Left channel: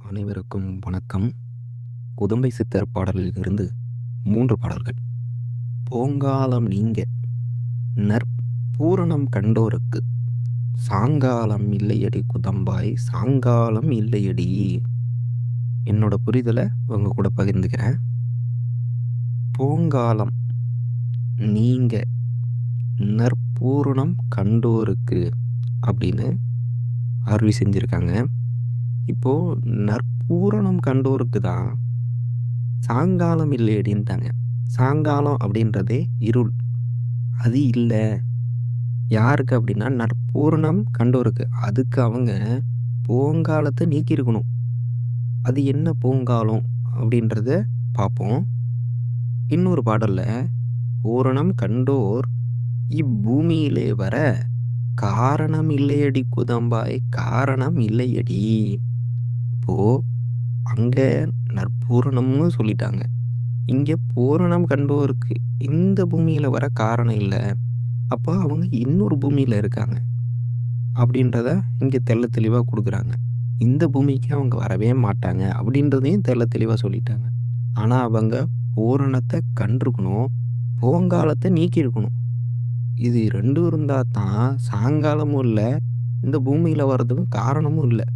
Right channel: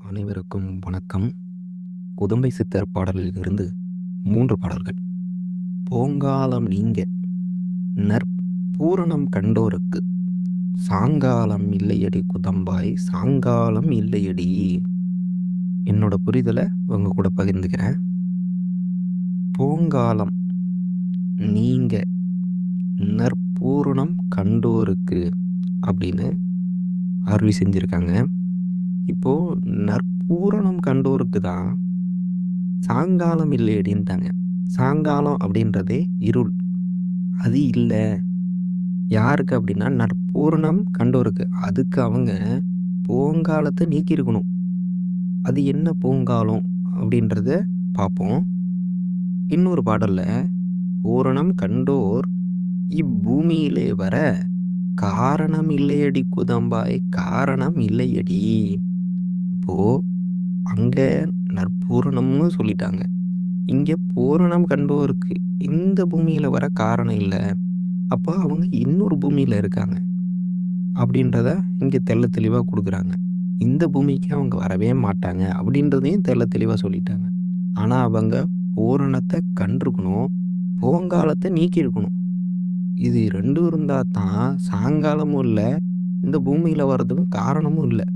அனைவருக்கும் வணக்கம். குதம்பை சித்தர் பாடலிலிருந்து 3 பாடல்கள். "போங்காலம் நீங்க நற்பூரணம் கண்டோருக்கு, சாங்காலம் இல்லையடி குதம்பாய் சாங்காலம் இல்லையடி." என்னோட புரிதலை உங்க கூட பகிர்ந்துக்கிறேன். போங்காலம் நீங்க நற்பூரணம் கண்டோருக்கு அப்படின்னு அருளி செஞ்சிருக்காங்க. இப்போ நற்பூரணம் கண்டோருக்கு தான் சாங்காலம் இல்லையடின்ட்டாங்க. சாங்காலம் அப்படின்றதே இருள். அது இல்லை யாருக்கு அப்படின்னா நற்பூரணம் கண்டோருக்கு. அதுக்கு அவங்க போங்காலத்தை நீக்கியிருக்கணும். அது என்ன போங்காலம் அப்படின்றத பார்ப்போம். இன்னொரு பாடல்ல பூரணம் கண்டோர் இப்பூமியிலே வர காரணம் இல்லையடி குதம்பாய் காரணம் இல்லையடி. இப்போ அங்க நற்பூரணம்னு சொல்லிட்டாங்க. இங்க பூரணம் கண்டோருக்கு இந்த பூமியில வர காரணம் இல்லை. அப்போ அவங்க இன்னொரு பூமியில இருக்காங்க அப்படின்றத இங்க தெள்ள தெளிவா கொடுக்குறாங்க. இந்த பூமிக்கு அவங்க வரவே மாட்டாங்க அப்படின்றதையும் தெள்ள தெளிவா சொல்லிட்டாங்க. ஆனா அவங்க பூரணத்தை கண்டிருக்கணும், போங்காலத்தை நீக்கியிருக்கணும். இது ரெண்டும் இருந்தா தான் சாயங்காலமும் இல்லை, இந்த பூமியில வர்றதுக்கும் காரணமும் இல்லை.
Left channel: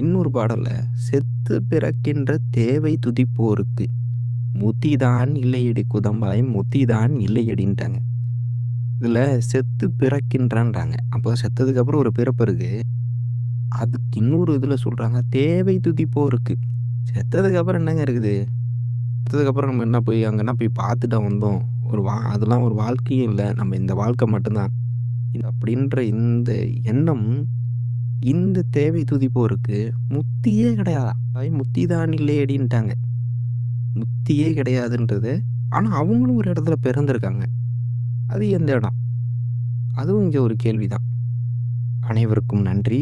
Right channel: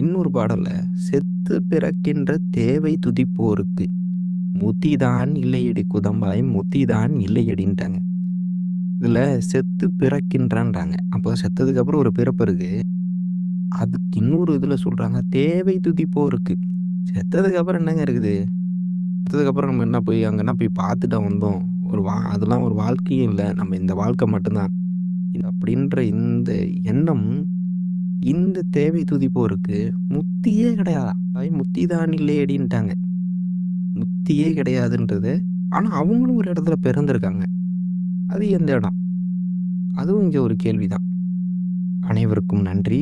இன்னொரு பாடல்ல செத்து பிறக்கின்ற தேவை துதிப்போருக்கு முத்திதான் இல்லையடி குதம்பாய் முத்திதான் இல்லையடின்ட்டாங்க. இதுல செத்து பிறக்கின்றான்றாங்க. அப்போ செத்ததுக்கு அப்புறம் ஒரு பிறப்பு இருக்கு. அதுக்கு இன்னொரு இதுல சொல்றாங்க தேவை துதிப்போருக்கு. செத்ததுக்கு அப்புறம் என்னங்க இருக்குது? செத்ததுக்கு அப்புறம் நம்ம என்ன போய் அங்கன்னா போய் பார்த்துட்டா வந்தோம். அதெல்லாம் ஒரு வாழ்க்கையும் இல்லை. நம்ம இந்த வாழ்க்கை மட்டும்தான் இது அப்படின்ற இந்த எண்ணம் இந்த தேவை துதிப்போருக்கு முத்தியே கிடையாதா? முத்தி தான் இல்லையடின்ட்டாங்க. முத்தியே கிடையாதுன்றது. ஆனா அவங்களும் ஒரு இடத்துல பிறந்திருக்காங்க. அது எந்த இடம்? அதுவும் இங்க ஒரு கேள்விதான். அனைவருக்கும் நன்றி.